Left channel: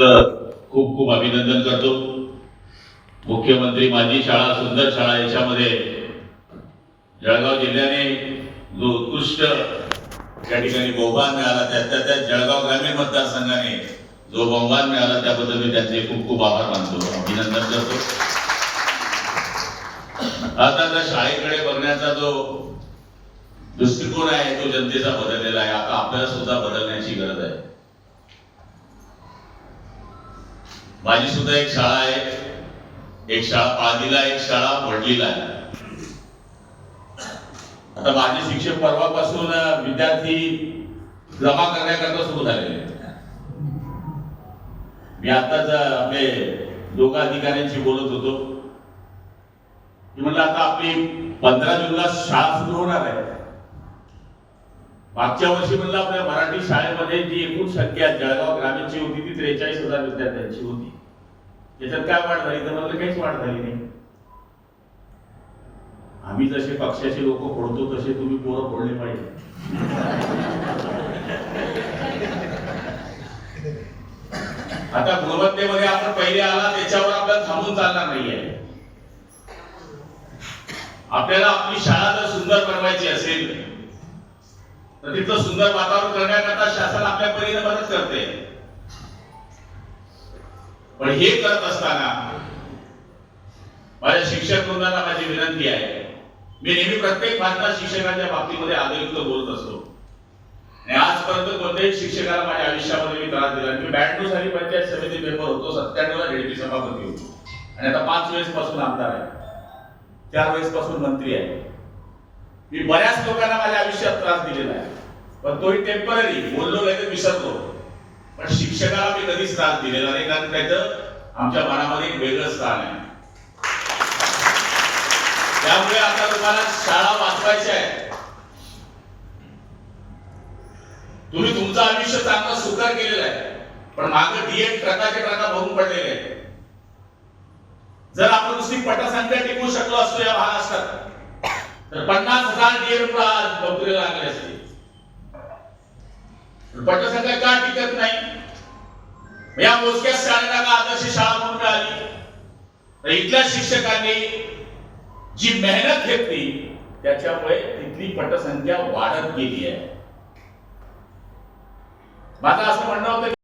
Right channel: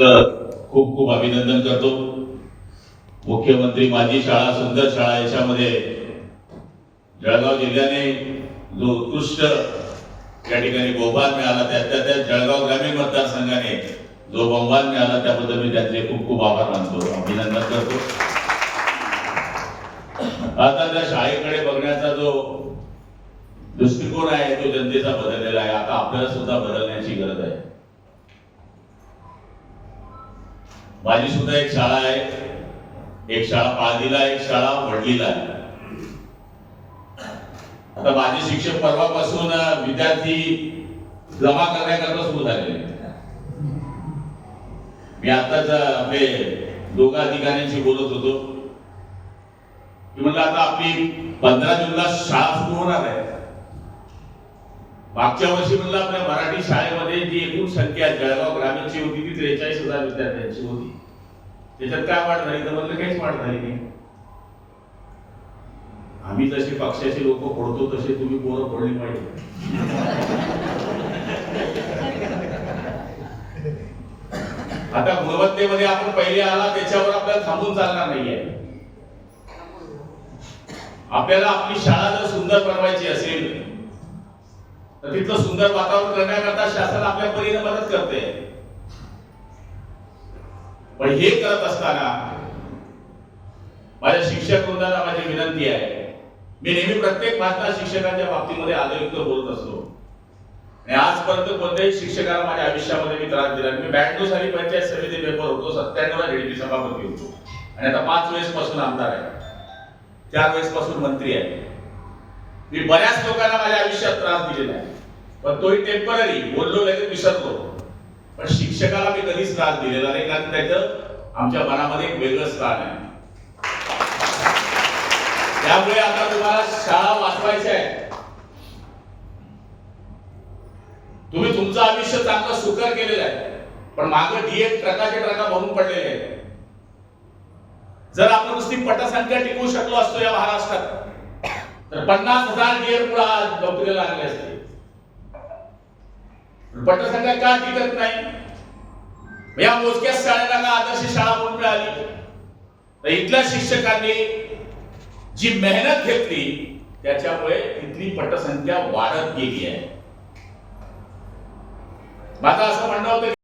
खूप खूप अभिनंदन करतो. मुख्यमंत्री माझी शाळा सुंदर शाळा याच्यामध्ये जळगाव जिल्ह्याने जो उत्कृष्ट त्या ठिकाणी बहुमान मिळाला त्या त्या जळगाव ग्रामीण मतदारसंघाने जो बहुमान मिळाला त्याबद्दल मी त्यांचे खूप खूप आभार मानतो. अभिनंदन करतो. आता त्या शाळेकडे बघण्याचा जो दृष्टिकोन आहे तो जनतेचा बदललेला आहे. आता आपल्याला सुद्धा बदलण्याची गरज आहे. माझी सुद्धा एक शाळा आहे. एक शाळा पाळदीला एक शाळा वडलीला आहे. आता माझे शिक्षक परवापासून विद्यार्थी जमा करण्याकरता सुरू झालेले मी आताच आपले दोघा अधिकाऱ्यांशी बोलत होतो. की म्हणलं आता आपली पंधरा जूनला शाळा सुरू होणार आहे. मागच्या वर्षी म्हणलं आपल्या मराठी शाळेमध्ये जी एकूण संख्या जळगाव ग्रामीणची होती ती त्रेचाळीस हजार विद्यार्थ्यांची होती. त्याच्यात काय वाढ झाली? तर म्हणलं काहीच वाढ झाली नाही. आम्ही जसे पक्षाचे लोक फोडतो तसे तुम्ही पोरं फोडले पाहिजे. आता गुणवत्तेमध्ये आपण पहिले आला त्याच्यावर आपल्याला थांबून चालणार नाहीये. आपल्याला आपली शाळा जर सुंदर बनवायची असेल तर तिथलं सुंदर वातावरण करण्याकरता शासन आपल्या परीने मदत करते. पण हे करत असताना माझ्या शिक्षक वृंदाला माझी विनंती आहे. मी नेहमी प्रत्येक भारतात शिक्षकांच्या बाबतीमध्ये आदरयुक्त बोलत असतो. आणि आजपर्यंत कोणत्याही शिक्षकाला माझ्या आयुष्यामध्ये मी त्रास दिला मी ब्याण्णव साली पंचायत समिती मेंबर होतो सत्त्याण्णवला रेडपी सभापती होतो. आणि आता पाच वेळेस पासून आमदार आहे. चार वेळेस पासून मंत्री आहे. मी बऱ्याच लोकांना माझ्या आयुष्यात त्रास दिलेला आहे. पण तोही टेंपररी बोललो लगेच विसरलो. पण शिक्षकाला मी कधीच त्रास दिलेला नाही. कारण त्याचं आमच्या मनामध्ये एक वेगळं स्थान आहे. त्यामुळे आता तुम्हाला शाळा वाचवायची आहे. तुम्ही तुमचं आयुष्य चांगलं सुकर केलेलं आहे. पण मागे डीएड ट्रकाचे ट्रका भरून पडलेले आहेत. जर आपण नुसती पटसंख्या टिकवू शकलो असतो या महाराष्ट्रात तर पन्नास हजार डीएड नोकरीला लागले असते. पटसंख्या का टिकत नाही? या मोजक्या शाळेला का आदर्श शाळा म्हणून मिळाली? तर इथल्या शिक्षकांनी जी मेहनत घेतली त्याच्यामुळे इथली पटसंख्या वाढत गेली आहे. माझं असं म्हणणं होतं